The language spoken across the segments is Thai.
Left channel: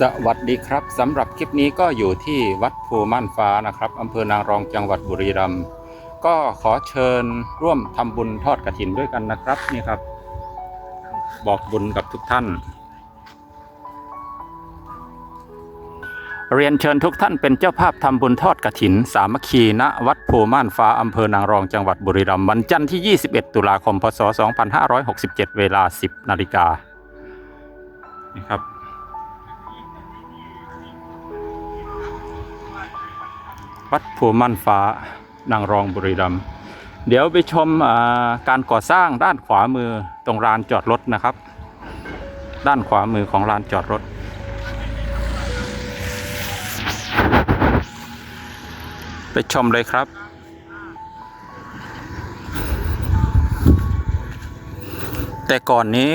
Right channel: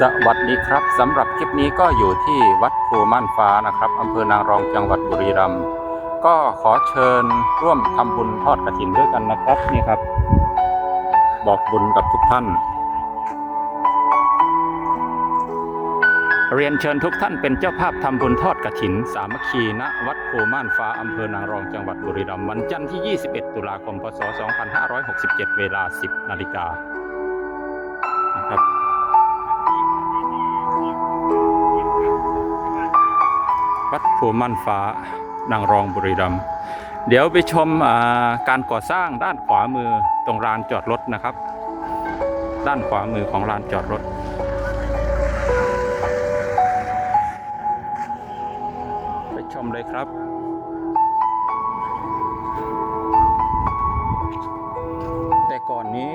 สวัสดีครับสำหรับคลิปนี้ก็อยู่ที่วัดภูม่านฟ้านะครับอำเภอนางรองจังหวัดบุรีรัมย์ก็ขอเชิญร่วมทำบุญทอดกระถินด้วยกันนะครับนี่ครับ บอกบุญกับทุกท่าน เรียนเชิญทุกท่านเป็นเจ้าภาพทำบุญทอดกระถิน สามัคคีณวัดภูม่านฟ้าอำเภอนางรองจังหวัดบุรีรัมย์วันจันทร์ที่ 21 ตุลาคม พศ 2567 เวลา 10 นาฬิกานะครับ วัดภูมั่นฟ้านางรองบุรีรัมย์เดี๋ยวไปชมการก่อสร้างด้านขวามือตรงลานจอดรถนะครับ ด้านขวามือของลานจอดรถ ไปชมเลยครับแต่ก่อนนี้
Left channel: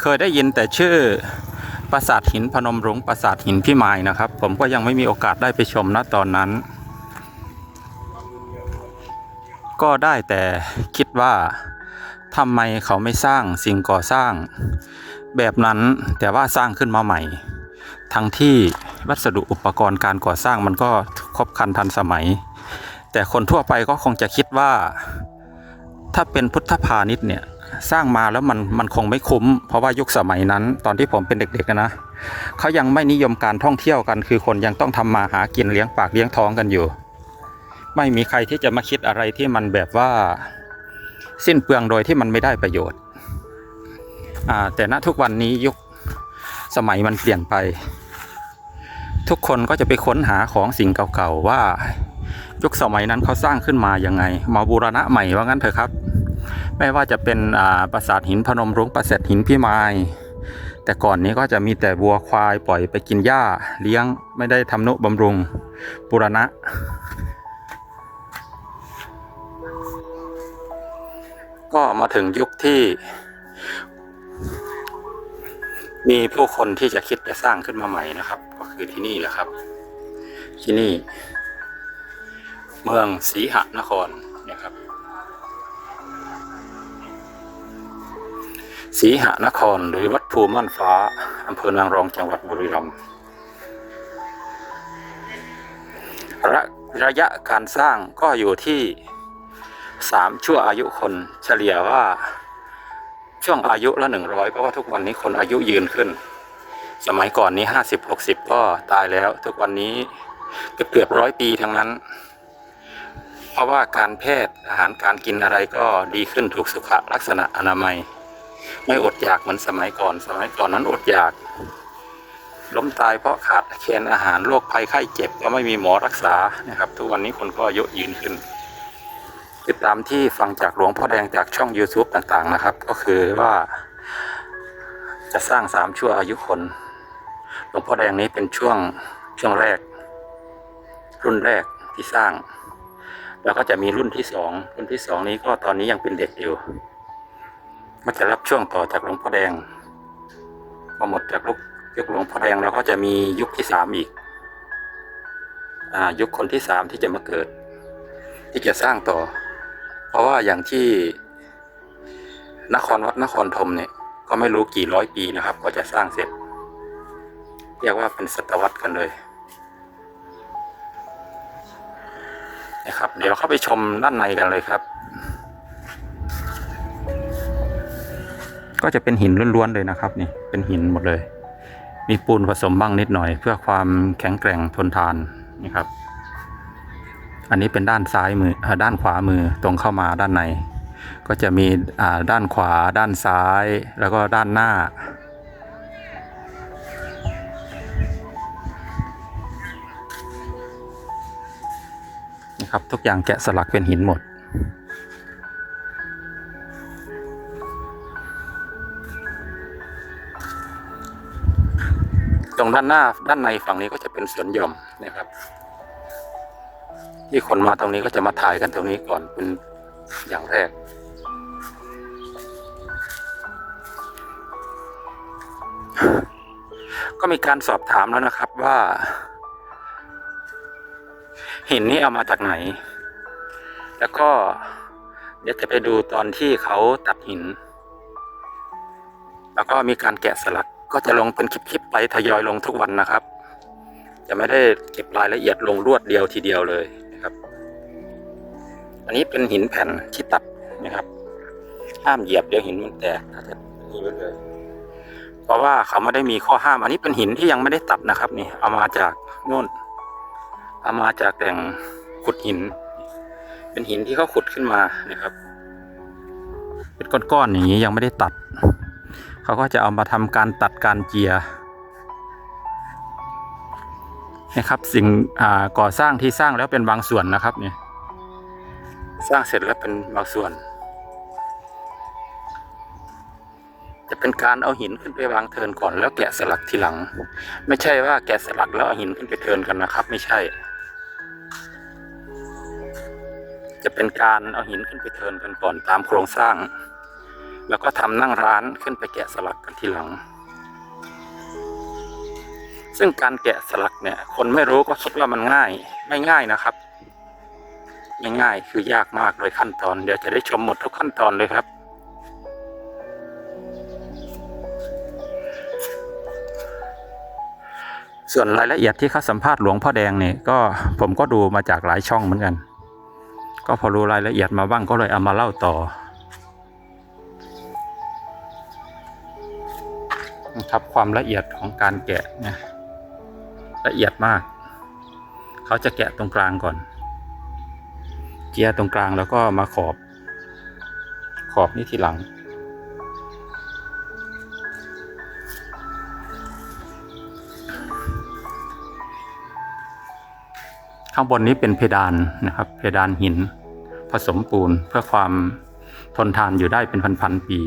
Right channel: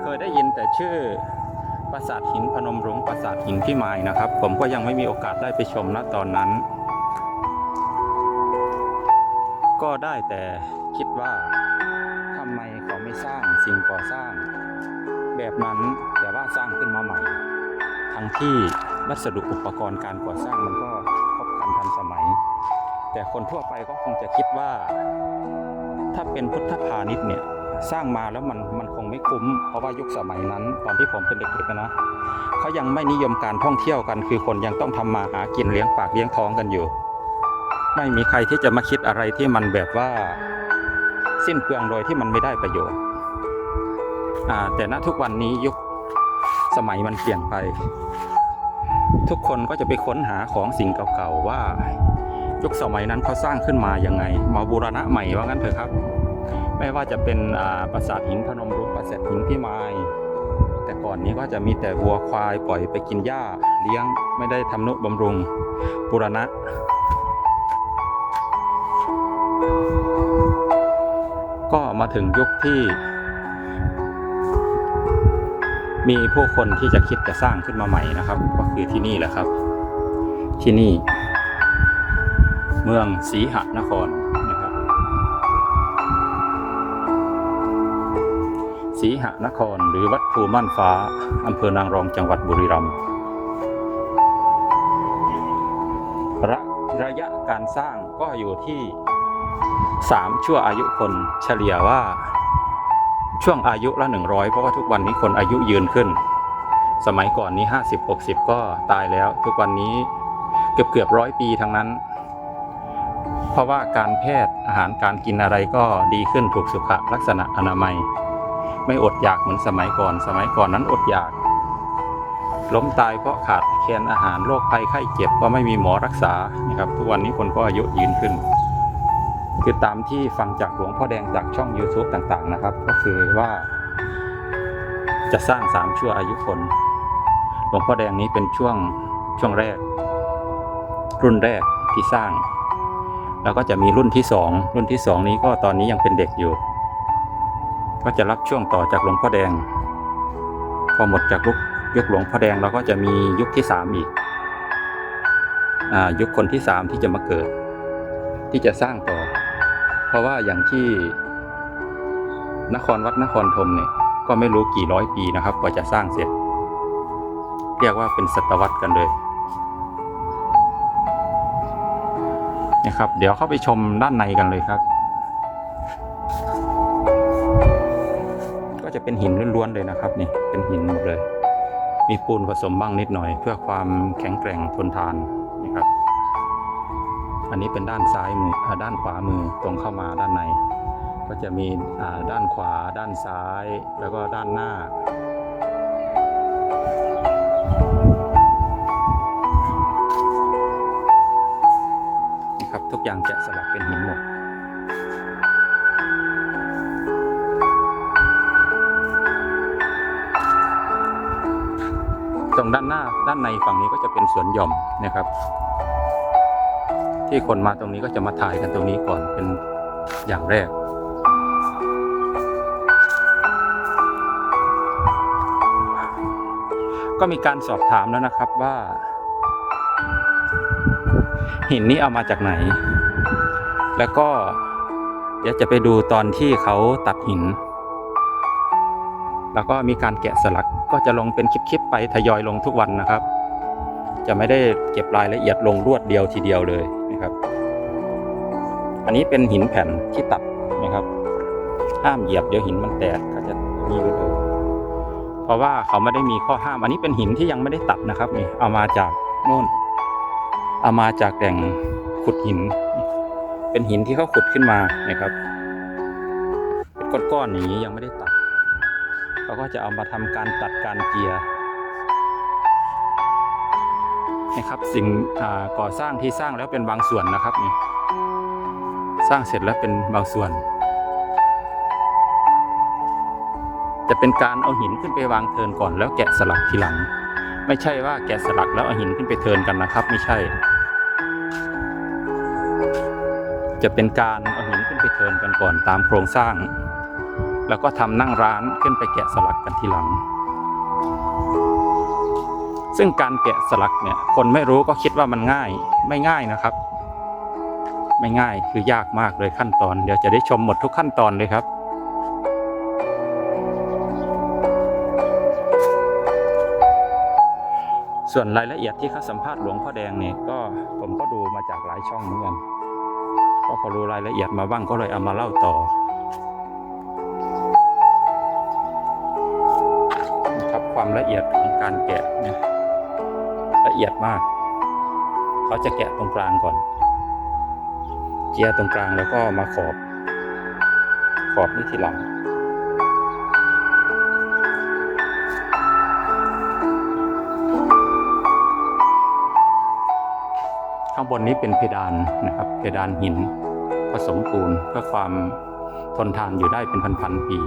เคยได้ยินแต่ชื่อ ปราสาทหินพนมรุ้งปราสาทหินพี่มายนะครับ ผมก็ยังไม่มีโอกาสได้ไปชมณตอนนั้น ก็ได้แต่คิดว่าทำไมเขาไม่สร้างสิ่งก่อสร้าง แบบนั้นแต่ว่าสร้างขึ้นมาใหม่ ทั้งที่วัสดุอุปกรณ์การก่อสร้างมันก็ครบครันทันสมัย แต่คนทั่วไปก็คงจะคิดว่า ถ้าเป็นพุทธพาณิชย์เนี่ย สร้างมาแล้วมันมันคงไม่คุ้ม เพราะว่ายุคสมัยนั้น ตอนที่ผมเป็นเด็กๆนะเขายังไม่นิยมการท่องเที่ยวกัน คือคนยังต้องทำมาหากินเลี้ยงปากเลี้ยงท้องกันอยู่ ไม่มีใครที่จะมาคิดอะไรที่มันแบบว่าสิ้นเปลืองโดยที่มันไม่ได้ประโยชน์แต่ณทุกวันนี้ยุคสมัยมันเปลี่ยนไป ทุกคนก็จะไปค้นหาของสิ่งเก่าๆว่ายุคสมัยนั้นเขาสร้างขึ้นมาอยังไง มาบูรณะใหม่ว่างั้นเถอะครับ ไม่ว่าจะเป็นปราสาทหินพนมรุ้งปราสาทหินพี่ไม้แต่ก่อนนี้ก็จะมีแต่วัวควายปล่อยไปกินหญ้าเลี้ยงไม่ได้ทำนุบำรุงบูรณะ ก็มาถึงยุคที่ มีผู้คนที่จะคิดจะสร้างขึ้นมาใหม่นะครับ ก็คือที่นี่แหละครับ ที่นี่ เมืองศรีหนคร ศรีหนครหรือวัดภูม่านฟ้า อำเภอนางรองจังหวัดบุรีรัมย์ระระยะการสร้างก็อยู่ที่ 3 ชั่วอายุคนเฉลี่ยว่าช่วงอายุละ 100 เพราะว่าทุกวันนี้คนอายุยืนขึ้น สมัยก่อนนี้ 50 60 ก็ตายแล้ว ทุกวันนี้เกือบเกือบร้อยปีทั้งนั้น เพราะว่าการแพทย์อาหารการกินอะไรก็ดีขึ้นถูกสุขลักษณะอนามัย ไม่อดอยากเหมือนสมัยก่อน สมัยก่อนนั้นอดอยาก ล้มตายเพราะขาดแคลนอาหารโรคภัยไข้เจ็บก็ไม่มีหมอรักษานะครับ ทุกวันนี้คนก็อายุยืนขึ้น คือตามที่ฟังจากหลวงพ่อแดงจากช่อง YouTube ต่างๆนะครับ ก็คือว่า จะสร้างสามชั่วอายุคน หลวงพ่อแดงนี้เป็นช่วงช่วงแรก รุ่นแรกที่สร้าง แล้วก็จะมีรุ่นที่สองรุ่นที่สองนี้ก็ตอนนี้ยังเป็นเด็กอยู่ ก็จะรับช่วงต่อจากหลวงพ่อแดง พอหมดจากลุกยุคหลวงพ่อแดงเราก็จะมียุคที่สามอีกอยุคคนที่สามที่จะมาเกิด ที่จะสร้างต่อ เพราะว่าอย่างที่นครวัดนครธมเนี่ยก็ไม่รู้กี่ร้อยปีนะครับกว่าจะสร้างเสร็จ เรียกว่าเป็นศตวรรษกันเลยนะครับ เดี๋ยวเข้าไปชมด้านในกันเลยครับ ก็จะเป็นหินล้วนๆเลยนะครับนี่เป็นหินหมดเลย มีปูนผสมบ้างนิดหน่อย เพื่อความแข็งแกร่งทนทานนี่ครับ อันนี้เป็นด้านซ้ายมืออด้านขวามือตรงเข้ามาด้านใน ก็จะมีด้านขวา ด้านซ้าย แล้วก็ด้านหน้านี่ครับทุกอย่างแกะสลักเป็นหินหมด รงด้านหน้าด้านในฝั่งนี้ก็จะเป็นสวนหย่อมนะครับ ที่คนมาตรงนี้ก็จะมาถ่ายกันตรงนี้ก่อนเป็นอย่างแรกก็มีการสอบถามแล้วนะครับว่า หินนี้เอามาจากไหน แล้วก็เดี๋ยวจะไปดูตอนที่เขาตัดหิน แล้วก็มีการแกะสลักก็จะลงเป็นคลิปๆไปทยอยลงทุกวันนะครับ จะไม่ได้เก็บรายละเอียดลงรวดเดียวทีเดียวเลยนะครับ อันนี้เป็นหินแผ่นที่ตัดนะครับ ห้ามเหยียบเดี๋ยวหินมันแตกก็จะนี่ไว้เลย เพราะว่าเขาไม่ได้มีข้อห้าม อันนี้เป็นหินที่ยังไม่ได้ตัดนะครับนี่เอามาจากโน่นเอามาจากแหล่งขุดหิน เป็นหินที่เขาขุดขึ้นมานะครับ เป็นก้อนๆอย่างนี้ยังไม่ได้ตัด เขาก็จะเอามาทำการตัดการเจียนะครับสิ่งก่อสร้างที่สร้างแล้วเป็นบางส่วนนะครับนี่สร้างเสร็จแล้วเป็นบางส่วน จะเป็นการเอาหินขึ้นไปวางเทินก่อนแล้วแกะสลักทีหลัง ไม่ใช่ว่าแกะสลักแล้วเอาหินขึ้นไปเทินกันนะครับ ไม่ใช่ จะเป็นการเอาหินขึ้นไปเทินกันก่อนตามโครงสร้าง แล้วก็ทำนั่งร้านขึ้นไปแกะสลักกันทีหลัง ซึ่งการแกะสลักเนี่ยคนไม่รู้ก็คิดว่ามันง่าย ไม่ง่ายนะครับ ไม่ง่ายคือยากมากเลยขั้นตอน เดี๋ยวจะได้ชมหมดทุกขั้นตอนเลยครับส่วนรายละเอียดที่เขาสัมภาษณ์หลวงพ่อแดงเนี่ยก็ผมก็ดูมาจากหลายช่องเหมือนกัน ก็พอรู้รายละเอียดมาบ้างก็เลยเอามาเล่าต่อ ครับความละเอียดของการแกะนี่ยละเอียดมาก เขาจะแกะตรงกลางก่อน เจียตรงกลางแล้วก็มาขอบ ขอบนี่ทีหลัง ข้างบนนี้เป็นเพดานนะครับ เพดานหิน ผสมปูนเพื่อความทนทานอยู่ได้เป็นพันๆปี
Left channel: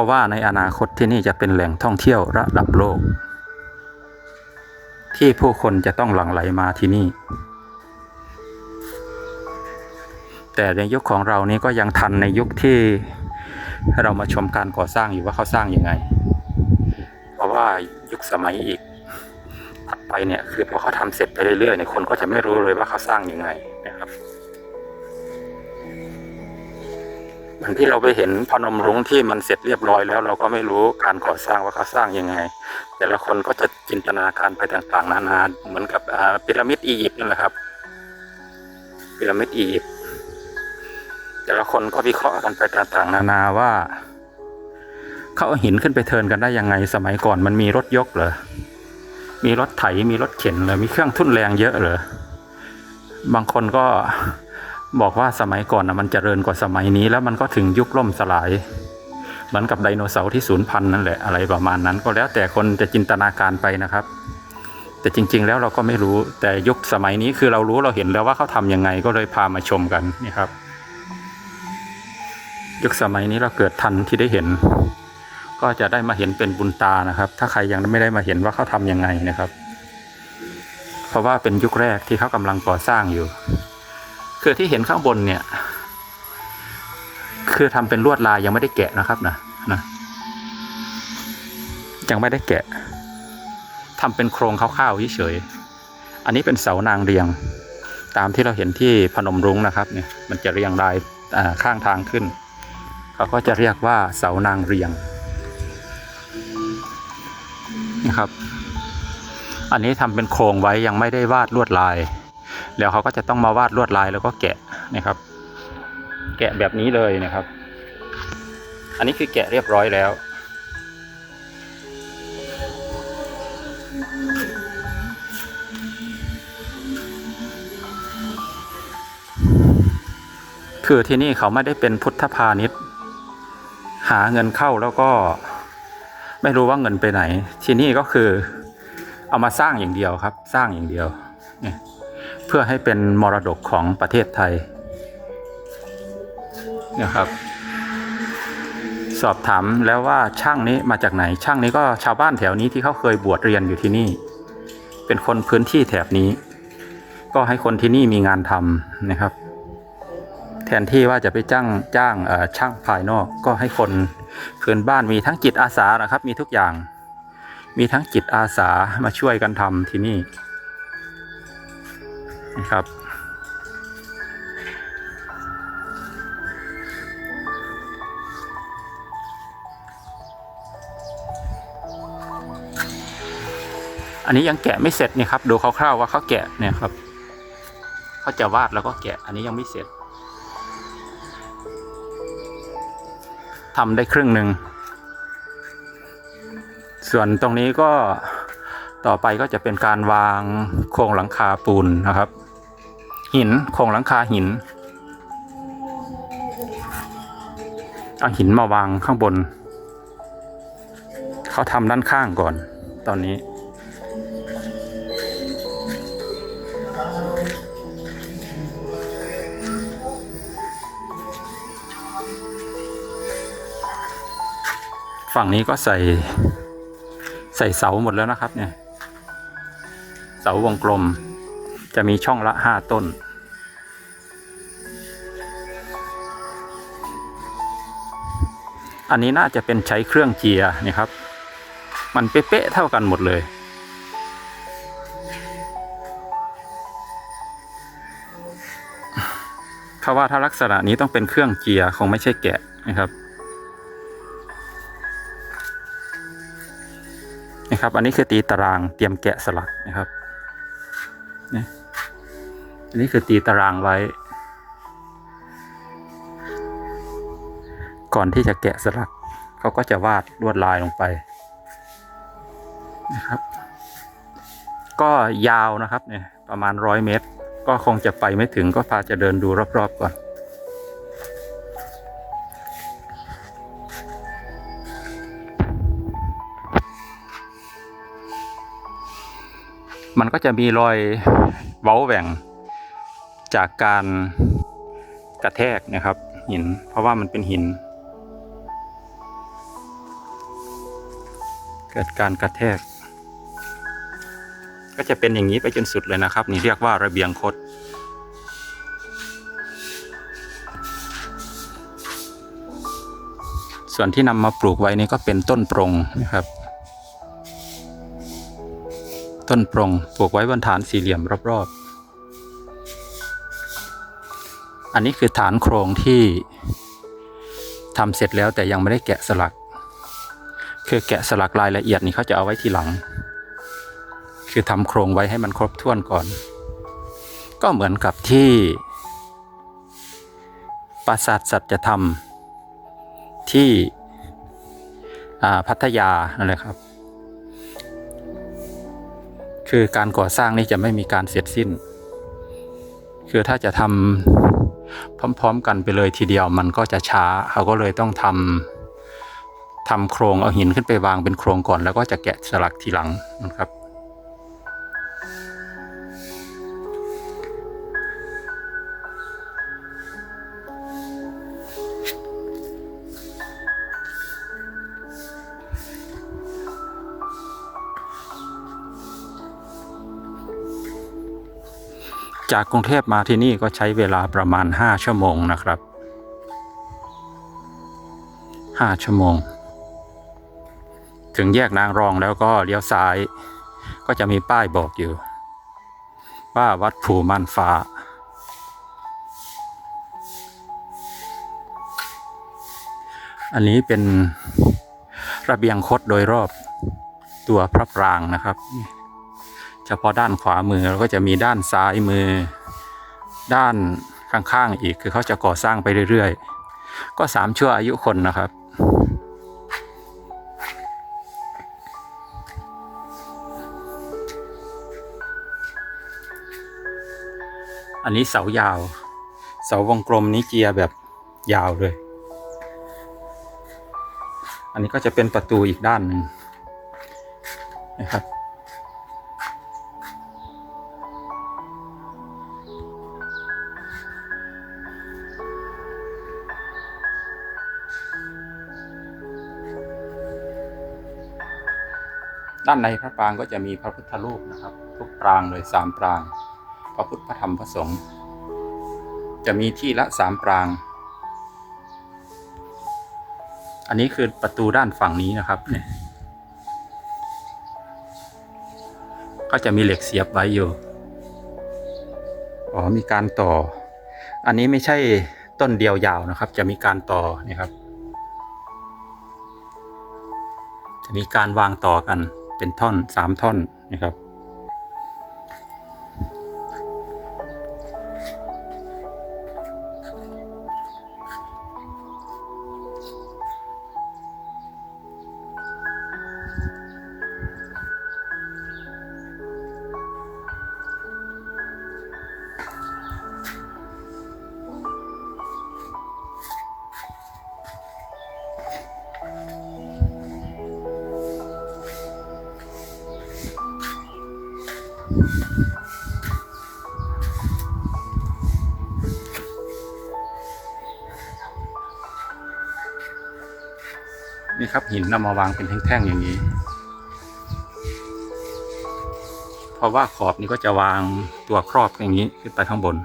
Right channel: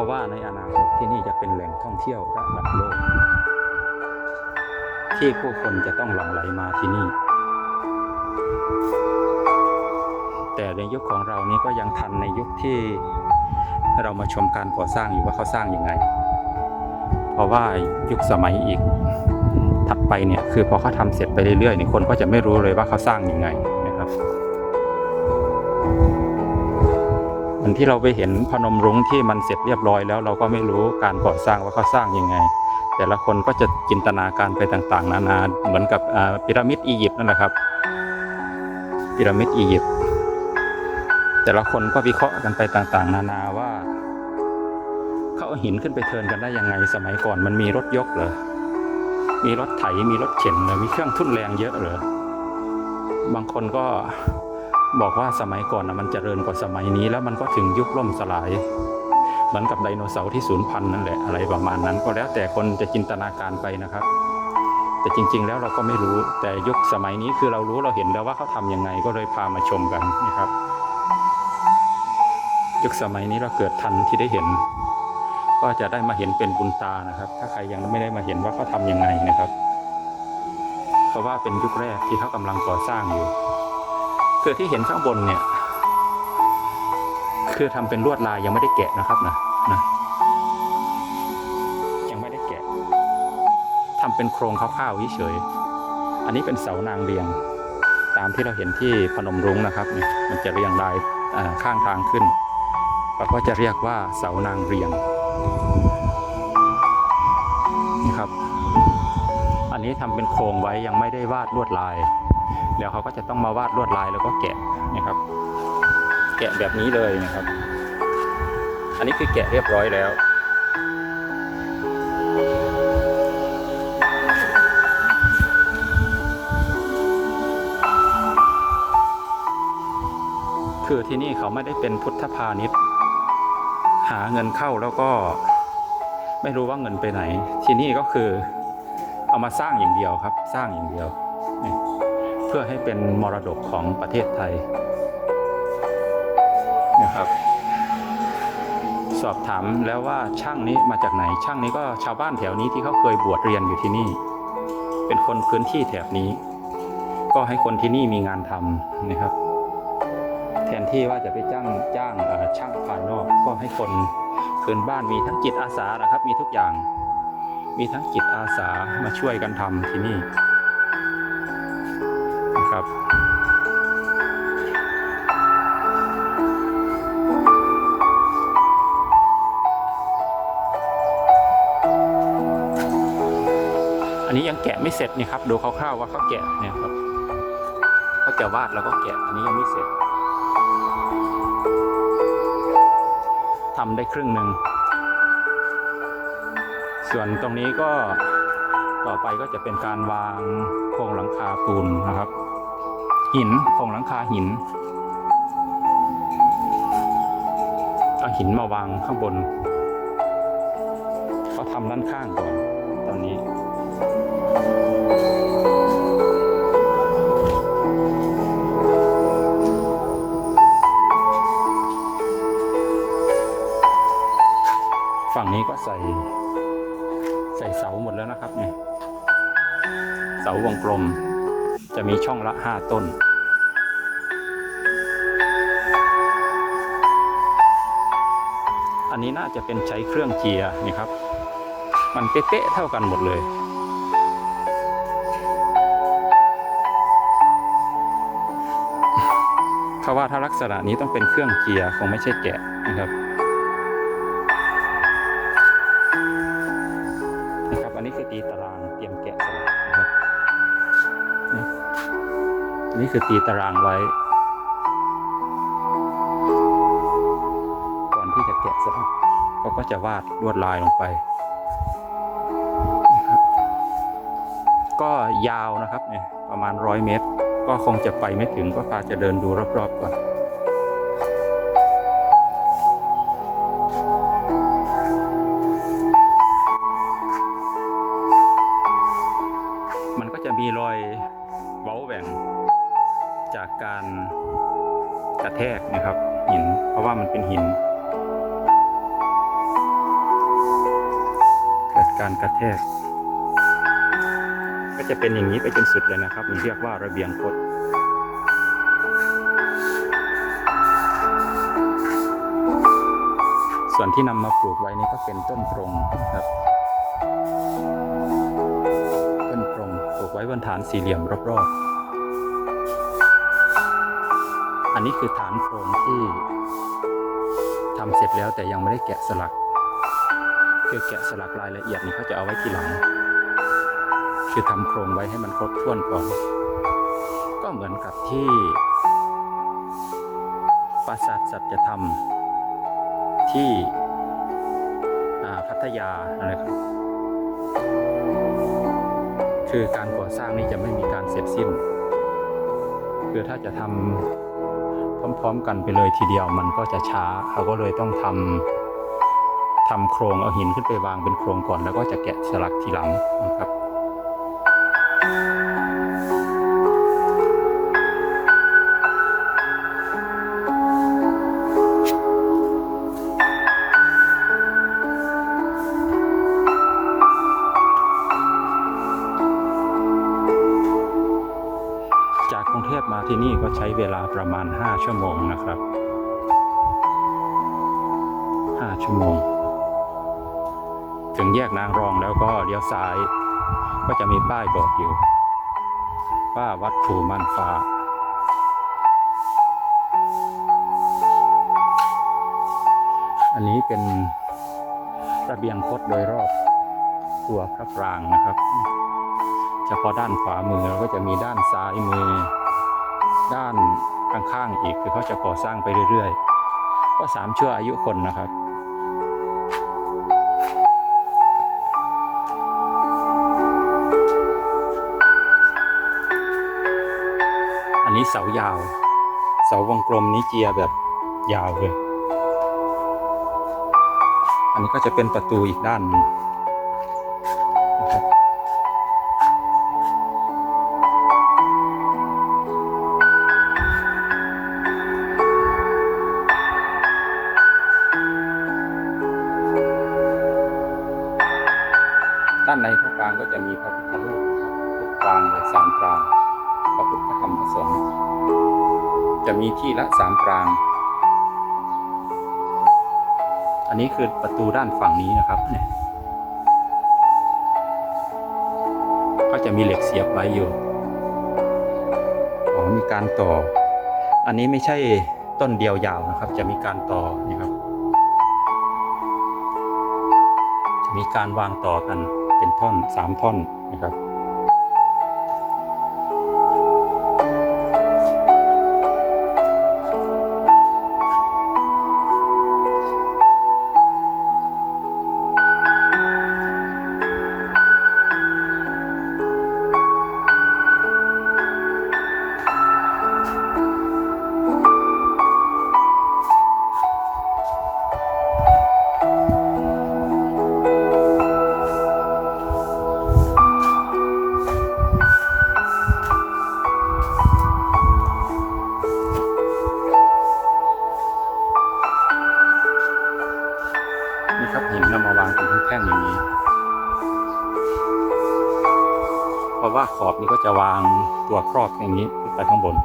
เพราะว่าในอนาคตที่นี่จะเป็นแหล่งท่องเที่ยวระดับโลก ที่ผู้คนจะต้องหลั่งไหลมาที่นี่ แต่ในยุคของเรานี้ก็ยังทันในยุคที่เรามาชมการก่อสร้างอยู่ว่าเขาสร้างยังไง เพราะว่ายุคสมัยอีกถัดไปเนี่ยคือพอเขาทำเสร็จไปเรื่อยๆเนี่ยคนก็จะไม่รู้เลยว่าเขาสร้างยังไงนะครับ เหมือนที่เราไปเห็นพนมรุ้งที่มันเสร็จเรียบร้อยแล้ว เราก็ไม่รู้การก่อสร้างว่าเขาสร้างยังไง แต่ละคนก็จะจินตนาการไปต่างๆ นานาเหมือนกับพีระมิดอียิปต์นั่นแหละครับพีระมิดอียิปต์แต่ละคนก็วิเคราะห์กันไปต่างๆ นานาว่าเขาเอาหินขึ้นไปเทินกันได้ยังไง สมัยก่อนมันมีรถยกเหรอมีรถไถมีรถเข็นเหรอมีเครื่องทุ่นแรงเยอะเหรอบางคนก็ บอกว่าสมัยก่อนนะมันเจริญกว่าสมัยนี้ แล้วมันก็ถึงยุคล่มสลาย เหมือนกับไดโนเสาร์ที่สูญพันธุ์นั่นแหละอะไรประมาณนั้น ก็แล้วแต่คนจะจินตนาการไปนะครับ แต่จริง ๆ แล้วเราก็ไม่รู้แต่ยุคสมัยนี้คือเรารู้เราเห็นแล้วว่าเขาทำยังไงก็เลยพามาชมกันนี่ครับ ยุคสมัยนี้เราเกิดทันที่ได้เห็น ก็จะได้มาเห็นเป็นบุญตานะครับ ถ้าใครยังไม่ได้มาเห็นว่าเขาทำยังไงนะครับ เพราะว่าเป็นยุคแรกที่เขากำลังก่อสร้างอยู่ คือที่เห็นข้างบนเนี่ย คือทำเป็นลวดลายยังไม่ได้แกะนะครับนะนะยังไม่ได้แกะทำเป็นโครงคร่าวๆเฉยๆอันนี้เป็นเสานางเรียง ตามที่เราเห็นที่พนมรุ้งนะครับเนี่ยมันจะเรียงรายข้างทางขึ้นเขาก็จะเรียกว่าเสานางเรียงนะครับ อันนี้ทำเป็นโครงไว้ยังไม่ได้วาดลวดลาย แล้วเขาก็จะต้องมาวาดลวดลายแล้วก็แกะนะครับ แกะแบบนี้เลยนะครับ อันนี้คือแกะเรียบร้อยแล้วคือที่นี่เขาไม่ได้เป็นพุทธพาณิชย์ หาเงินเข้าแล้วก็ไม่รู้ว่าเงินไปไหน ที่นี่ก็คือเอามาสร้างอย่างเดียวครับ สร้างอย่างเดียวเนี่ย เพื่อให้เป็นมรดกของประเทศไทยเนี่ยครับ สอบถามแล้วว่าช่างนี้มาจากไหน ช่างนี้ก็ชาวบ้านแถวนี้ที่เขาเคยบวชเรียนอยู่ที่นี่ เป็นคนพื้นที่แถบนี้ ก็ให้คนที่นี่มีงานทำนะครับ แทนที่ว่าจะไปจ้างจ้างเอ่อช่างภายนอก ก็ให้คนพื้นบ้านมีทั้งจิตอาสานะครับ มีทุกอย่าง มีทั้งจิตอาสามาช่วยกันทำที่นี่นะ ครับ อันนี้ยังแกะไม่เสร็จเนี่ยครับดูคร่าวๆว่าเขาแกะเนี่ยครับเขาจะวาดแล้วก็แกะอันนี้ยังไม่เสร็จทำได้ครึ่งหนึ่งส่วนตรงนี้ก็ต่อไปก็จะเป็นการวางโครงหลังคาปูนนะครับ หินโครงหลังคาหินเอาหินมาวางข้างบน เขาทำด้านข้างก่อน ตอนนี้ ฝั่งนี้ก็ใส่ใส่เสาหมดแล้วนะครับเนี่ย เสาวงกลม จะมีช่องละห้าต้น อันนี้น่าจะเป็นใช้เครื่องเกียร์นี่ครับ มันเป๊ะๆเท่ากันหมดเลยเพราะว่าถ้าลักษณะนี้ต้องเป็นเครื่องเกียร์คงไม่ใช่แกะนะครับนะครับ อันนี้คือตีตารางเตรียมแกะสลักนะครับ อันนี้คือตีตารางไว้ ก่อนที่จะแกะสลักเขาก็จะวาดลวดลายลงไปนะครับ ก็ยาวนะครับเนี่ยประมาณร้อยเมตร ก็คงจะไปไม่ถึงก็พาจะเดินดูรอบๆก่อนมันก็จะมีรอยเว้าแหว่ง จากการกระแทกนะครับ หิน เพราะว่ามันเป็นหิน เกิดการกระแทก ก็จะเป็นอย่างนี้ไปจนสุดเลยนะครับ นี่เรียกว่าระเบียงคดส่วนที่นำมาปลูกไว้นี่ก็เป็นต้นปรงนะครับ ต้นปรงปลูกไว้บนฐานสี่เหลี่ยมรอบๆ อันนี้คือฐานโครงที่ทำเสร็จแล้วแต่ยังไม่ได้แกะสลัก คือแกะสลักรายละเอียดนี่เขาจะเอาไว้ทีหลัง คือทำโครงไว้ให้มันครบถ้วนก่อน ก็เหมือนกับที่ ปราสาทสัจธรรม ที่พัทยานั่นแหละครับ คือการก่อสร้างนี่จะไม่มีการเสร็จสิ้น คือถ้าจะทำ พร้อม ๆ กันไปเลยทีเดียวมันก็จะช้าเขาก็เลยต้องทำทำโครงเอาหินขึ้นไปวางเป็นโครงก่อน แล้วก็จะแกะสลักทีหลังนะครับ จากกรุงเทพมาที่นี่ก็ใช้เวลาประมาณ 5 ชั่วโมงนะครับ 5 ชั่วโมง ถึงแยกนางรองแล้วก็เลี้ยวซ้าย ก็จะมีป้ายบอกอยู่ ว่าวัดภูม่านฟ้า อันนี้เป็นระเบียงคดโดยรอบตัวพระปรางนะครับ ฉพาะด้านขวามือแล้วก็จะมีด้านซ้ายมือ ด้านข้างๆอีกคือเขาจะก่อสร้างไปเรื่อยๆ ก็สามชั่วอายุคนนะครับอันนี้เสายาว เสาวงกลมนี้เจียแบบยาวเลย อันนี้ก็จะเป็นประตูอีกด้านหนึ่งนะครับ ด้านในพระปรางก็จะมีพระพุทธรูปนะครับ ทุกปรางเลยสามปราง พระพุทธพระธรรมพระสงฆ์จะมีที่ละสามปราง อันนี้คือประตูด้านฝั่งนี้นะครับเนี่ยก็จะมีเหล็กเสียบไว้อยู่ อ๋อ มีการต่อ อันนี้ไม่ใช่ต้นเดียวยาวนะครับ จะมีการต่อนี่ครับ มีการวางต่อกันเป็นท่อนสามท่อนนะครับ นี่ครับหินนำมาวางเป็นแท่งๆอย่างนี้ เพราะว่าขอบนี้ก็จะวางตัวครอบอย่างนี้ขึ้นไปข้างบน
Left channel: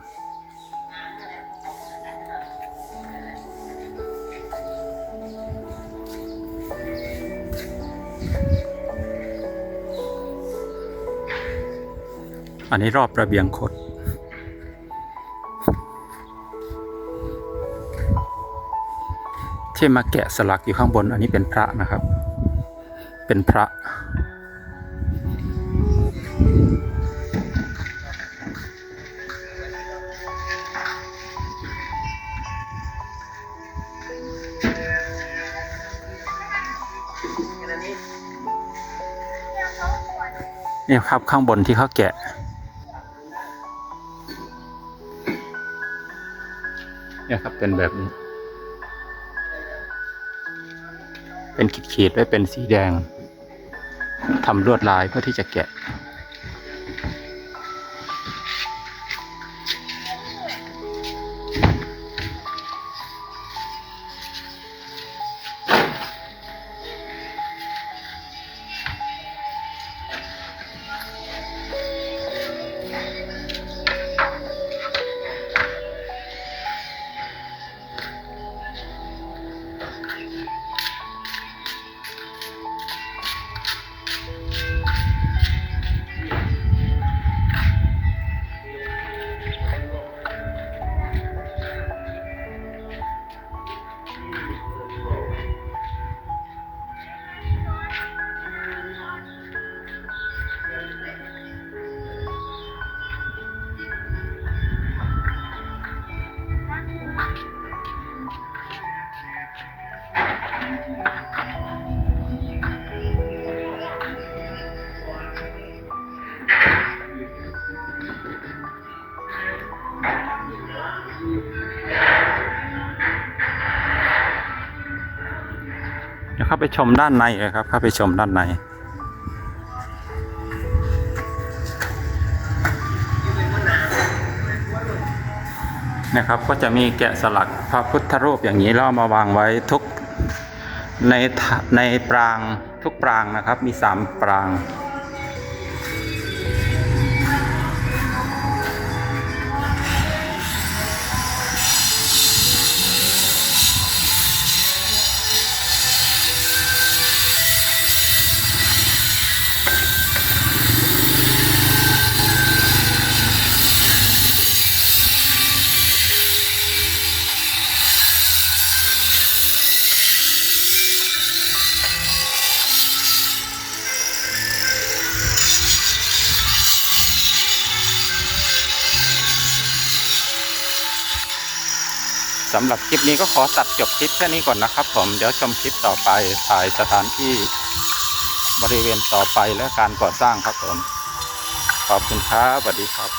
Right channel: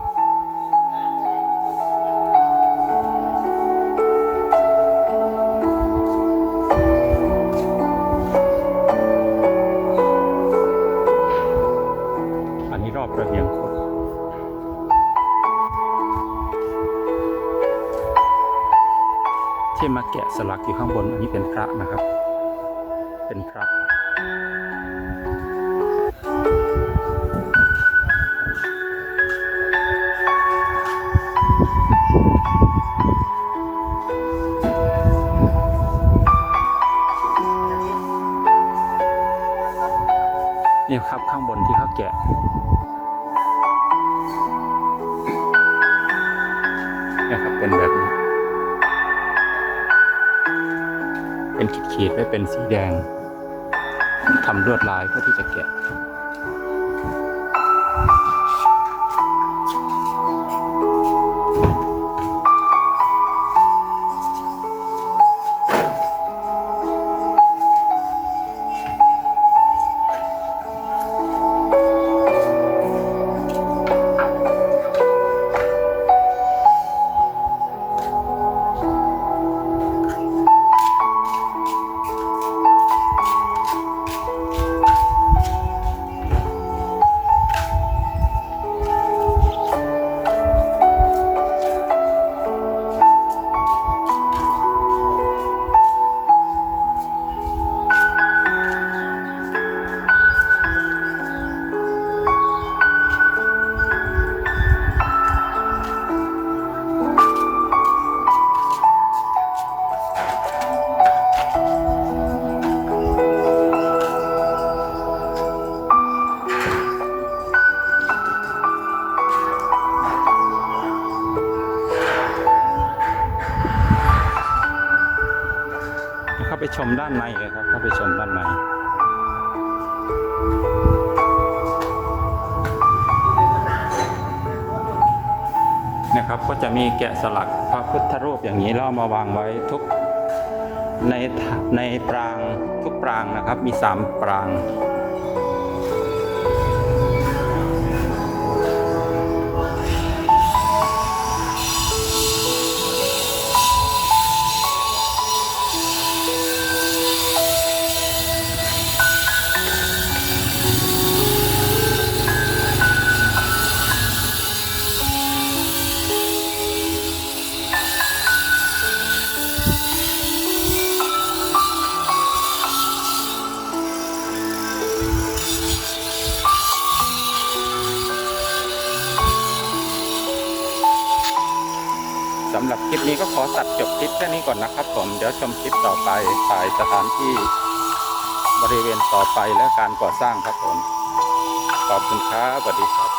อันนี้รอบระเบียงคด ที่มาแกะสลักอยู่ข้างบน อันนี้เป็นพระนะครับ เป็นพระนี่ครับข้างบนที่เขาแกะเนี่ยครับเป็นแบบนี้ เป็นขีดๆไว้เป็นสีแดงทำลวดลายเพื่อที่จะแกะ ชมด้านในเลยครับ เข้าไปชมด้านใน นะครับ ก็จะมีแกะสลักพระพุทธรูปอย่างนี้แล้วเอามาวางไว้ทุกในในปรางทุกปรางนะครับ มีสามปราง สำหรับคลิปนี้ก็ขอตัดจบคลิปแค่นี้ก่อนนะครับผมเดี๋ยวชมคลิปต่อไปถ่ายสถานที่บริเวณต่อไปและการก่อสร้างครับผม ขอบคุณครับสวัสดีครับ